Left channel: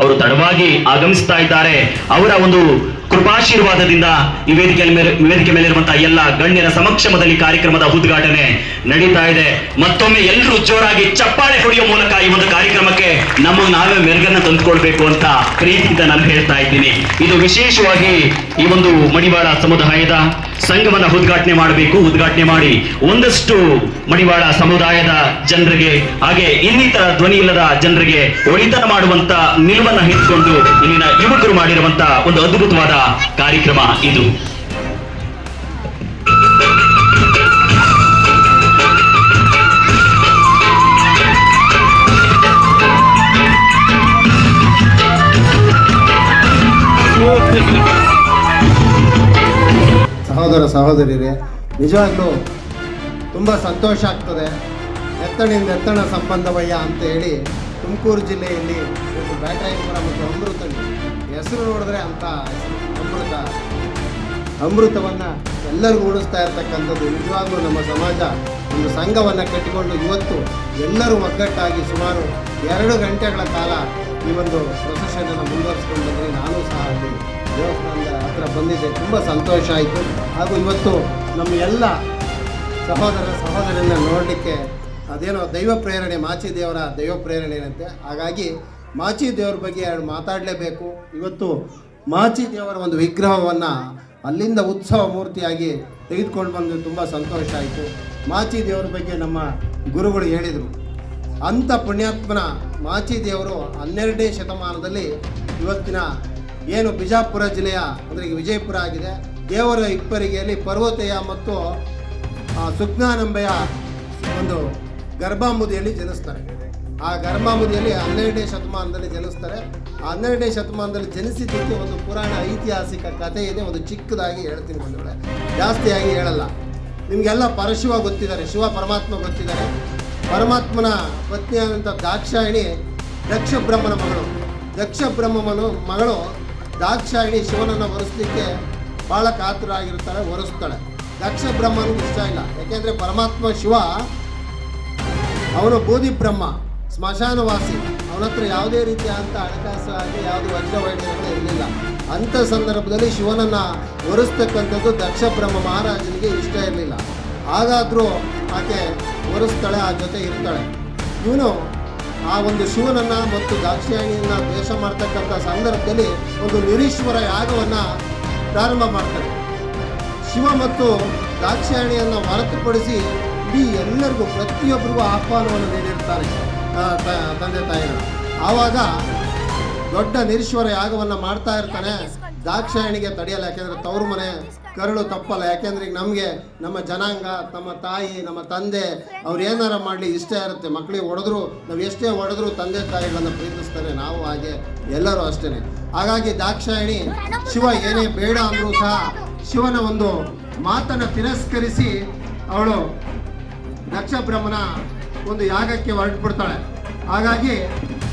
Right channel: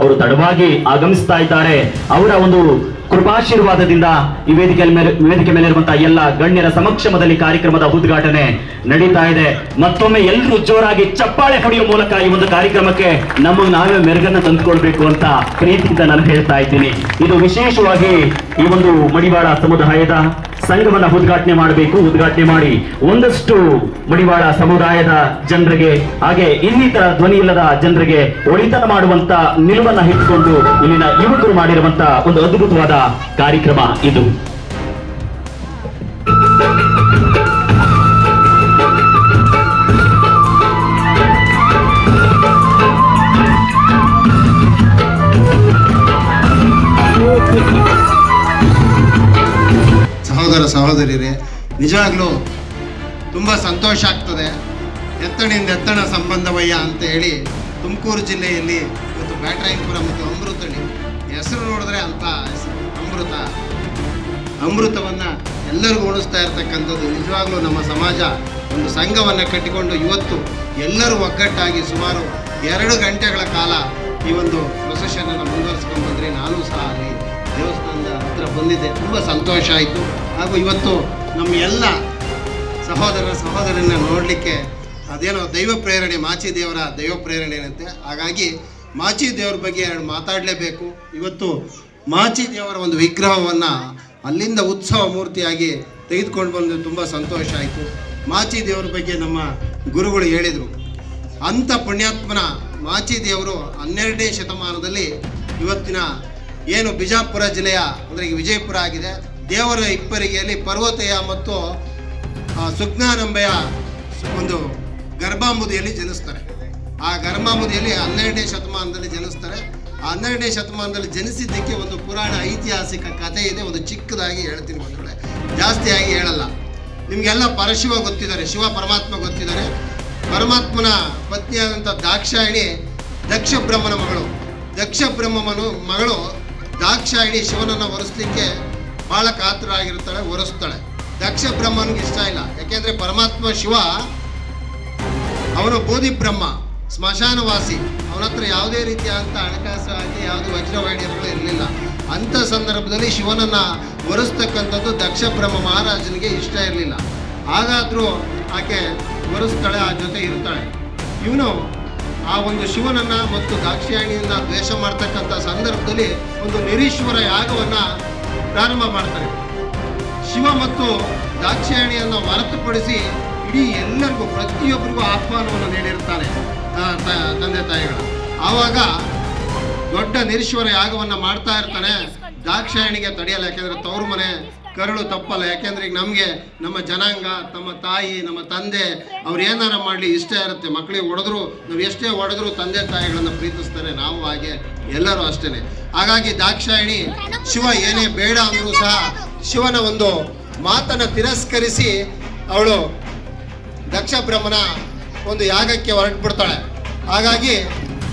ಅವರು ತಡವಾಗಿ ಆಗಮಿಸ್ತಾ ಇದ್ದಾರೆ. ಅವರ ಒಂದು ಕೃಪಾಶೀರ್ವಾದದಿಂದ ಈ ವೇದಿಕೆ ಮೇಲೆ ವೇದಿಕೆ ಮೇಲಿರುವಂತಹ ಎಲ್ಲ ಗಣ್ಯರ ಸಮಕ್ಷಮದಲ್ಲಿ ಕಾರ್ಯಕ್ರಮದ ಉದ್ಘಾಟನೆ ನಡೀತಾ ಇದೆ. ಮತ್ತೊಮ್ಮೆ ಎಲ್ಲರೂ ಜೋರಾಗಿ ಚಪ್ಪಾಳೆ ಹೊಡೆಯುವ ಮೂಲಕ ಈ ಒಂದು ಕಾರ್ಯಕ್ರಮಕ್ಕೆ ನಮ್ಮ ನಾವೇ ಮೆರುಗನ್ನು ತಂದುಕೊಳ್ಬೇಕು ಅಂತ ಪ್ರೀತಿಯಿಂದ ನಾನು ಹೇಳ್ತಾ ಇದ್ದೀನಿ. ಇದು ವಿಶೇಷವಾಗಿ ಈ ಒಂದು ಮಡಿವಾಳ ಸಮುದಾಯದ ಸಂಘವನ್ನ ಉದ್ಘಾಟನೆ ಮಾಡಬೇಕು. ಉದ್ಘಾಟನೆ ಮಾಡಿ ಒಂದಷ್ಟು ಮಡಿವಾಳ ಸಮುದಾಯದ ಜನರಿಗೆ, ಹಾಗೆ ಇನ್ನಿತರ ಧ್ವನಿ ಇಲ್ಲದ ಜನರಿಗೆ ಒಳಿತನ ಮಾಡುವಂತ ನಿಲುವನ್ನ ಹಿಡ್ಕೊಂಡು ಇಲ್ಲಿನ ಯುವಕರು ಮಾಡಿರುವಂತ ಒಂದು ಅದ್ಭುತವಾದ ಕಾರ್ಯಕ್ರಮ ಇದು. ಸಹೋದರ ಸಹೋದರಿಯರೇ, ನಿಜವಾಗ್ಲೂ ತುಂಬ ಸಂತೋಷ ಆಗ್ತದೆ. ಎತ್ತಣಿಂದ ಎತ್ತಣ ಸಂಬಂಧವಯ್ಯ ಅಂತ ಹೇಳಿ ತುಮಕೂರು ಜಿಲ್ಲೆಯಲ್ಲಿ ಇವತ್ತು ಪುರ ಮತ್ತು ಅಮೃತಣಿ ಹೆಸರು ನೋಡಿದ್ರೆ ಅಂತ ಹೆಸರು. ಅಮೃತವನ್ನು ಎಲ್ಲರಿಗೂ ಉಣಿಸ್ತಾ ಇರತಕ್ಕಂಥದ್ದು ನಿಜವಾಗ್ಲೂ ನಮ್ಮ ಸಮಾಜ ಒಂದು ಸಂಘವನ್ನು ಕಟ್ಟಿಕೊಂಡು ಇವತ್ತು ಎಲ್ಲರೂ ಒಗ್ಗಟ್ಟಾಗಿ ಸುಮಾರು ಎರಡು ಗಂಟೆಗಳ ಕಾಲ ಈ ಒಂದು ಪ್ರೊಸೆಷನನ್ನು ಮುಂದುವರಿಸ್ಕೊಂಡು ಬಂದರೆ ನಾನು ಸಹ ಅಲ್ಲಿ ದೇವಸ್ಥಾನದ ಹತ್ರ ಬಂದಿದ್ದೆ. ತುಂಬ ಸಂತೋಷ ಆಯಿತು. ಹಾಗೂ ಇವತ್ತು ನಮ್ಮ ಎಲ್ಲ ಸಹೋದರ ಸಹೋದರನ್ನ ನೋಡಲಿಕ್ಕೆ ಅದೇನೋ ದೈವ ಪ್ರೇರಣೆ, ಮಾಚಿ ದೇವರ ದೈವ ಪ್ರೇರಣೆ ಏನಂತೆ? ಹಾಗಾಗಿ ಮಾಚಿ ದೇವರ ಬಗ್ಗೆ ಮಾತಾಡಲೇಬೇಕು. ಇವತ್ತು ಮಾಚಿ ದೇವರ ಒಂದು ವಿಗ್ರಹವನ್ನು ಅಲ್ಲಿಂದ ಉತ್ಸವ ಮೂರ್ತಿಯಾಗಿ ತೆಗೆದುಕೊಂಡು ಬಂದು ತುಂಬ ಸಂತೋಷ ಆಯಿತು. ಮಾಚಿ ದೇವರ ಬಗ್ಗೆ ನಮ್ಮ ಗುರುಗಳು ಹೇಳಿದರು. ಅಂಥ ಪುಣ್ಯಾತ್ಮನ ಮಾಚಿ ದೇವರು ಹನ್ನೆರಡನೇ ಶತಮಾನದಲ್ಲಿ ಇವತ್ತಿನ ಏನು ಬಿಜಾಪುರ ಜಿಲ್ಲೆಯ, ಅಂದರೆ ವಿಜಯಪುರ ಆಗಿದೆ. ದೇವರ ಇಪ್ಪರಿಗೆಯಲ್ಲಿ ಪರ್ವತಯ ಮತ್ತು ಸುಜ್ಞಾನಂಬೆಯ ಒಂದು ಗರ್ಭಾಂಬುದಿಯಲ್ಲಿ ಜನಿಸ್ತಾರೆ. ಆ ಗರ್ಭಾಂಬುದಿಯಲ್ಲಿ ಹನ್ನೆರಡನೇ ಶತಮಾನದಲ್ಲಿ ಜನಿಸ್ತಾರೆ. ಹನ್ನೆರಡನೇ ಶತಮಾನದಲ್ಲಿ ಜನಿಸಿದ್ದಕ್ಕೆ ಒಂದು ಪುರಾಣ ಐತಿಹಾಸಿಕ ಕಥೆ ಇದೆ, ಒಂದು ಚಿಕ್ಕದಾಗಿ ಹೇಳ್ತೀನಿ ಒಂದು ಜಾಸ್ತಿಯಾಗಿ ಹೇಳಲ್ಲ. ನಿಮಗೆಲ್ಲ ಪರಶಿವ ಗೊತ್ತಿದ್ದಾರೆ, ಶಿವ ಪರಮಾತ್ಮ ಗೊತ್ತಿದ್ದಾರೆ. ಪರಮಾತ್ಮನ ಪತ್ನಿಯಾದಂಥ ದಾಕ್ಷಾಯಿಣಿ ದಕ್ಷ ಬ್ರಹ್ಮನ ಮಗಳು. ದಕ್ಷ ಬ್ರಹ್ಮನು ಮಗಳು ದಾಕ್ಷಾಯಿಣಿ ಶಿವನನ್ನು ಒರೆಸ್ಲಿಕ್ಕೆ ಭಾಳ ಕಾತುರಾಗಿರ್ತಾಳೆ, ಒರೆಸ್ತಾಳೆ. ದಕ್ಷ ಬ್ರಹ್ಮನಿಗೆ ಇಷ್ಟ ಇಲ್ಲ. ಯಾಕೆಂದರೆ ಪರಮಾತ್ಮ ಶಿವ, ಅವನು ಬೋಧಿ ಬ್ರಹ್ಮ ಸ್ಮಶಾನವಾಸಿ. ಅವನ ಹತ್ರ ಯಾವುದೇ ರೀತಿಯಾದಂಥ ಹಣಕಾಸು ಆಗಿ ಯಾವುದು ವಜ್ರವೈಢ್ಯಗಳು ಇರಲಿಲ್ಲ. ಅಂಥ ಸಂದರ್ಭದಲ್ಲಿ ಶಿವನನ್ನು ಒರೆಸ್ತಕ್ಕಂಥದ್ದು ದಕ್ಷ ಬ್ರಹ್ಮ ಮಹಾರಾಜನಿಗೆ ಇಷ್ಟ ಇರಲಿಲ್ಲ. ಹಾಗಾದರೂ ಆಕೆ ಒರೆಸ್ತಾಳೆ, ಆ ಜೊತೆ ಇರ್ತಾಳೆ. ಇವನು ಆ ಒಂದು ಶಿವನನ್ನು ಮತ್ತು ದಾಕ್ಷಾಯಣಿಯನ್ನ ದ್ವೇಷ ಮಾಡ್ತಕ್ಕಂಥ ಸಂದರ್ಭದಲ್ಲಿ ಒಂದು ನಿರೀಶ್ವರ ಯಾಗವನ್ನು ಪ್ರಾರಂಭ ಮಾಡ್ತಾರೆ ಶಿವ ಮತ್ತು ದಾಕ್ಷಾಯಣಿಯನ್ನು ಹೊರತುಪಡಿಸಿ ಇಡೀ ಎಲ್ಲರಿಗೂ ಪ್ರತಿಯೊಬ್ಬರಿಗೂ ಆಹ್ವಾನವನ್ನು ನೀಡಿರ್ತಾರೆ ತಂದೆ ತಾಯಿಗಳು. ಆವಾಗ ದೊಡ್ಡ ನಿರೀಶ್ವರ ಯಾಗವನ್ನು ಮಾಡ್ತಾ ಇರ್ತಾನೆ. ದಾಕ್ಷಾಯಣಿಗೆ ತಡೆಯಲ್ಲ, ಯಾಕೆಂದ್ರೆ ತವರು ಮನೆ ಕರುಳು ತಪ್ಪಲ್ಲ. ಯಾಕೆಂದ್ರೆ ಈಗ ನಮಗೆ ನಮ್ಮ ಜನಾಂಗ, ನಮ್ಮ ತಾಯಿ, ನಮ್ಮ ತಂದೆ, ಅವ್ರು ಏನಾರ ಮಾಡಲಿ ಇಷ್ಟ ಇರುತ್ತೆ. ಮಕ್ಕಳಿಗೆ ಹೊಡೆದ್ರು, ನಾವು ಎಷ್ಟೇ ಹೊಡೆದ್ರು ತಂದೆ ತಾಯಿಗಳನ್ನು ಪ್ರೀತಿಸ್ತಾರೆ. ನಾವು ಹಾಗೆ ಎಲ್ಲರೂ ಅಷ್ಟೇ ಹಾಗಾಗಿ ದಾಕ್ಷಾಯಣಿ ಶಿವ ಏನೇ ಬೇಡ ಅಂದರೂ ಸಹ ಶಿವನ ಒಂದು ಮಾತನ್ನು ತಿರಸ್ಕರಿಸಿ ಅವಳು ದಕ್ಷ ಬ್ರಹ್ಮನ ಒಂದು ಯಾಗಕ್ಕೆ ಹೊರಟುಬಿಡ್ತಾಳೆ. ಹಾಗಾಗಿ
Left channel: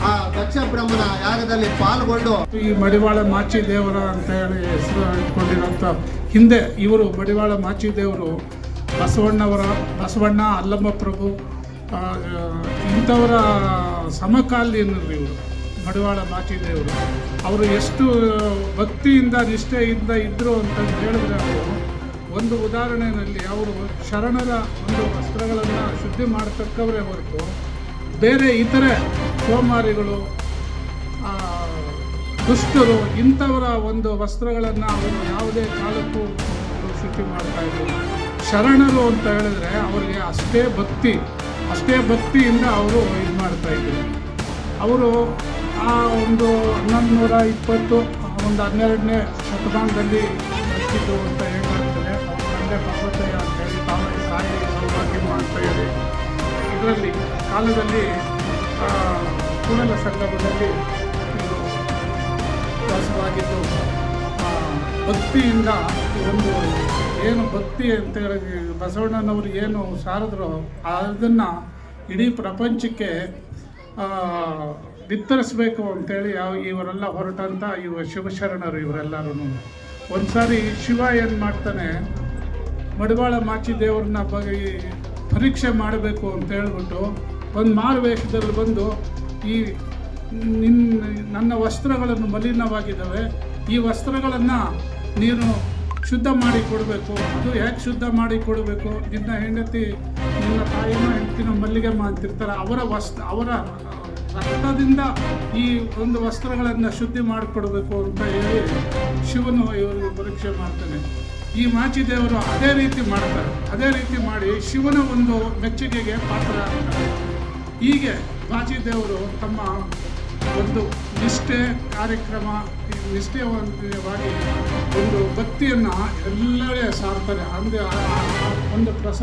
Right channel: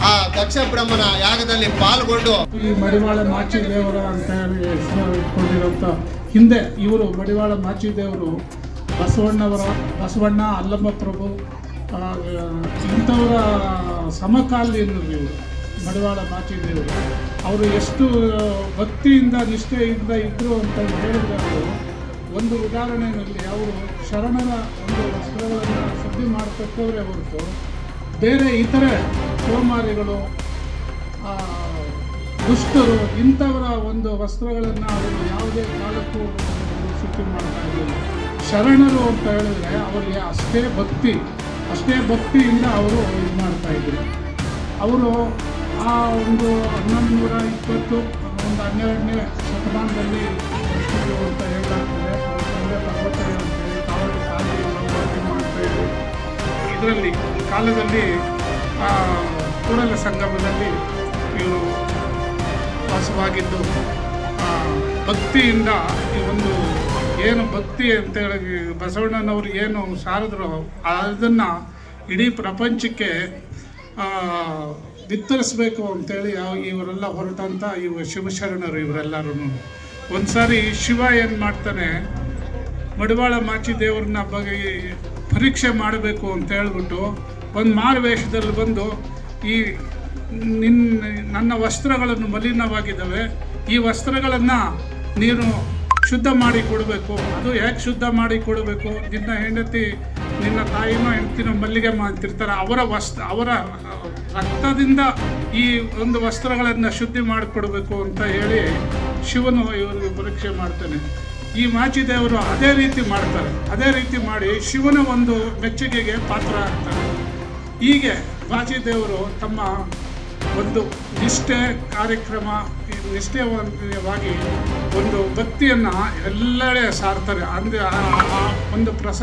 ಆ ದಕ್ಷ ಬ್ರಹ್ಮನ ಯಾಗದಲ್ಲಿ ಪಾಲ್ಗೊಂಡು ಈ ಮಡಿವಾಳ ಮಾಚಿ ದೇವರ ಅಂತ ಹೇಳಿ ಹೆಸರು ಇಟ್ಕೊಂಡಿರೋಂಥ ಹಿಂದೆ ಇವರು ಮಡಿವಾಳ ಮಾಚಿ ದೇವರು ಬಸವಣ್ಣವರ, ಬಸವಣ್ಣ ಅಲ್ಲಮ್ಮ ಪ್ರಭು ಇಂಥವರ ಸಮಕಾಲೀನರು ಇವರು, ಮಡಿವಾಳ ಮಾಚಿ ದೇವರು ಅವರು ಎಷ್ಟು ಭಕ್ತಿಯಿಂದ, ನಿಷ್ಠೆಯಿಂದ ಇದ್ದರು ಅಂತ ಹೇಳಿದ್ರೆ ಒಂದು ಉದಾಹರಣೆಯಲ್ಲಿ ಅವರು ಶರಣರ ಒಂದು ವಸ್ತ್ರಗಳನ್ನು ಶುದ್ಧಿ ಮಾಡತಕ್ಕವರೇ ಹೊರತು ಬೇರೆ ಇತರೆ ಸೋಮಾರಿಗಳು ದುಷ್ಟರು ಇಂಥವರ ಒಂದು ವಸ್ತ್ರಗಳನ್ನು ಅವರು ಯಾವುದೇ ಕಾಲಕ್ಕೂ ಸಿದ್ಧಿ ಮಾಡ್ತಾ ಇದ್ದಿಲ್ಲ ಶರಣರು ಅಂತ ಹೇಳಿದ್ರೆ ಅವರಿಗೆ ಅಷ್ಟೇ ಭಕ್ತಿ, ಅಷ್ಟೇ ಭಕ್ತಿಯಿಂದ ಅವರು ಇದು ಮಾಡ್ತಾ ಇದ್ರು. ಅವರು ಆ ಒಂದು ಹನ್ನೊಂದು ನೂರ ಇಪ್ಪತ್ತು ಒಂದು ಹನ್ನೆರಡನೇ ಶತಮಾನದಲ್ಲಿ ಅಂತ ಹೇಳಾಗ್ತದೆ ಅವ್ರ ತಂದೆ ಪರ್ವತಯ್ಯ ಅಂತ ಹೇಳಿ ತಾವರೆ ಸಾಯಿ ಸೌಭಾಗ್ಯ ಅಂತ ಹೇಳಿ ಇದರಲ್ಲಿ ಕಾಲದಲ್ಲಿ ಕೂಡಲ ಸಂಗಮದಲ್ಲಿ ಇವರು ವಾಸವಾಗಿದ್ದು ಭಕ್ತಿಯಿಂದ ಈ ಒಂದು ಏನು ಭಕ್ತಿ ಅಂತ ಹೇಳಿ ಬಸವಣ್ಣನವರು ಏನು ಸಾರಿದ್ರು, ಅದನ್ನು ಇಡೀ ಪ್ರಪಂಚಕ್ಕೆ ಬಿತ್ತರಿಸಬೇಕು ಅಂತೇಳಿ ಇವರೆಲ್ಲ ಹೊರಟಂಥ ಇವ ಶಿವಶರಣರು ಇವರೆಲ್ಲರೂ ಒಂದು ಸಾರಿ ಶಿವ ಏನು ಮಾಡ್ತಾನೆ ಮಡಿವಾಳ ಮಾಚಿ ದೇವರನ್ನ ಬಗ್ಗೆ ಪರೀಕ್ಷೆ ಮಾಡಬೇಕು ಅಂತ ಹೇಳ್ಬಿಟ್ಟು ಒಂದು ಮಾರುವೇಷದಲ್ಲಿ ಬಂದು ಈ ನಿನ್ನ ನನ್ನ ವಸ್ತ್ರಗಳನ್ನು ಮಲಿನವಾಗಿದ್ದಾವೆ, ಈ ವಸ್ತ್ರಗಳನ್ನು ನೀನು ಶುದ್ಧ ಮಾಡಿ ಕೊಡಬೇಕು. ಅದು ಯಾಕೆ ಶುದ್ಧ ಮಾಡಿ ಕೊಡಬೇಕು? ನಿನ್ನ ಹೆಂಡತಿ ನಿನ್ನ ತಾಯಿನೋ ಹೆಂಡತಿನೋ ಮಲ್ಲಿಗೆ ಮಾಡ್ತಿರ್ತಾರೆ ಅವರ ವಸ್ತ್ರ, ಅವರ ರಕ್ತದಿಂದ ಈ ಒಂದು ವಸ್ತ್ರಗಳನ್ನು ಶುದ್ಧಿ ಮಾಡಿಕೊಡ್ಬೇಕು ಅಂತ ಹೇಳಿ ಶಿವನು ಇವರಿಗೆ ಪರೀಕ್ಷೆ ಮಾಡ್ತಾನೆ. ಈ ಮಾಚಿದೇವರು ಅದೇ ರೀತಿ ಮಾಡ್ತಾರೆ. ಅದೇ ರೀತಿ ಮಾಡಿ ಶಿವನ ಒಂದು ಮೆಚ್ಚುಗೆಗೆ ಪಾತ್ರ ಆಗ್ತಾರೆ. ಹೀಗೆ ಮಾಚಿದೇವರು ತಮ್ಮ ಒಂದು ನಿಷ್ಠೆ ಕಾರ್ಯಕ್ರಮ ನಿಷ್ಠೆವಾಗಿ ಒಂದು ಭಕ್ತಿಯನ್ನು ಎಲ್ಲೆಡೆ ಸಾರ್ತಾರೆ. ಅಂದರೆ ಆ ಒಂದು ಪ್ರಸಾದ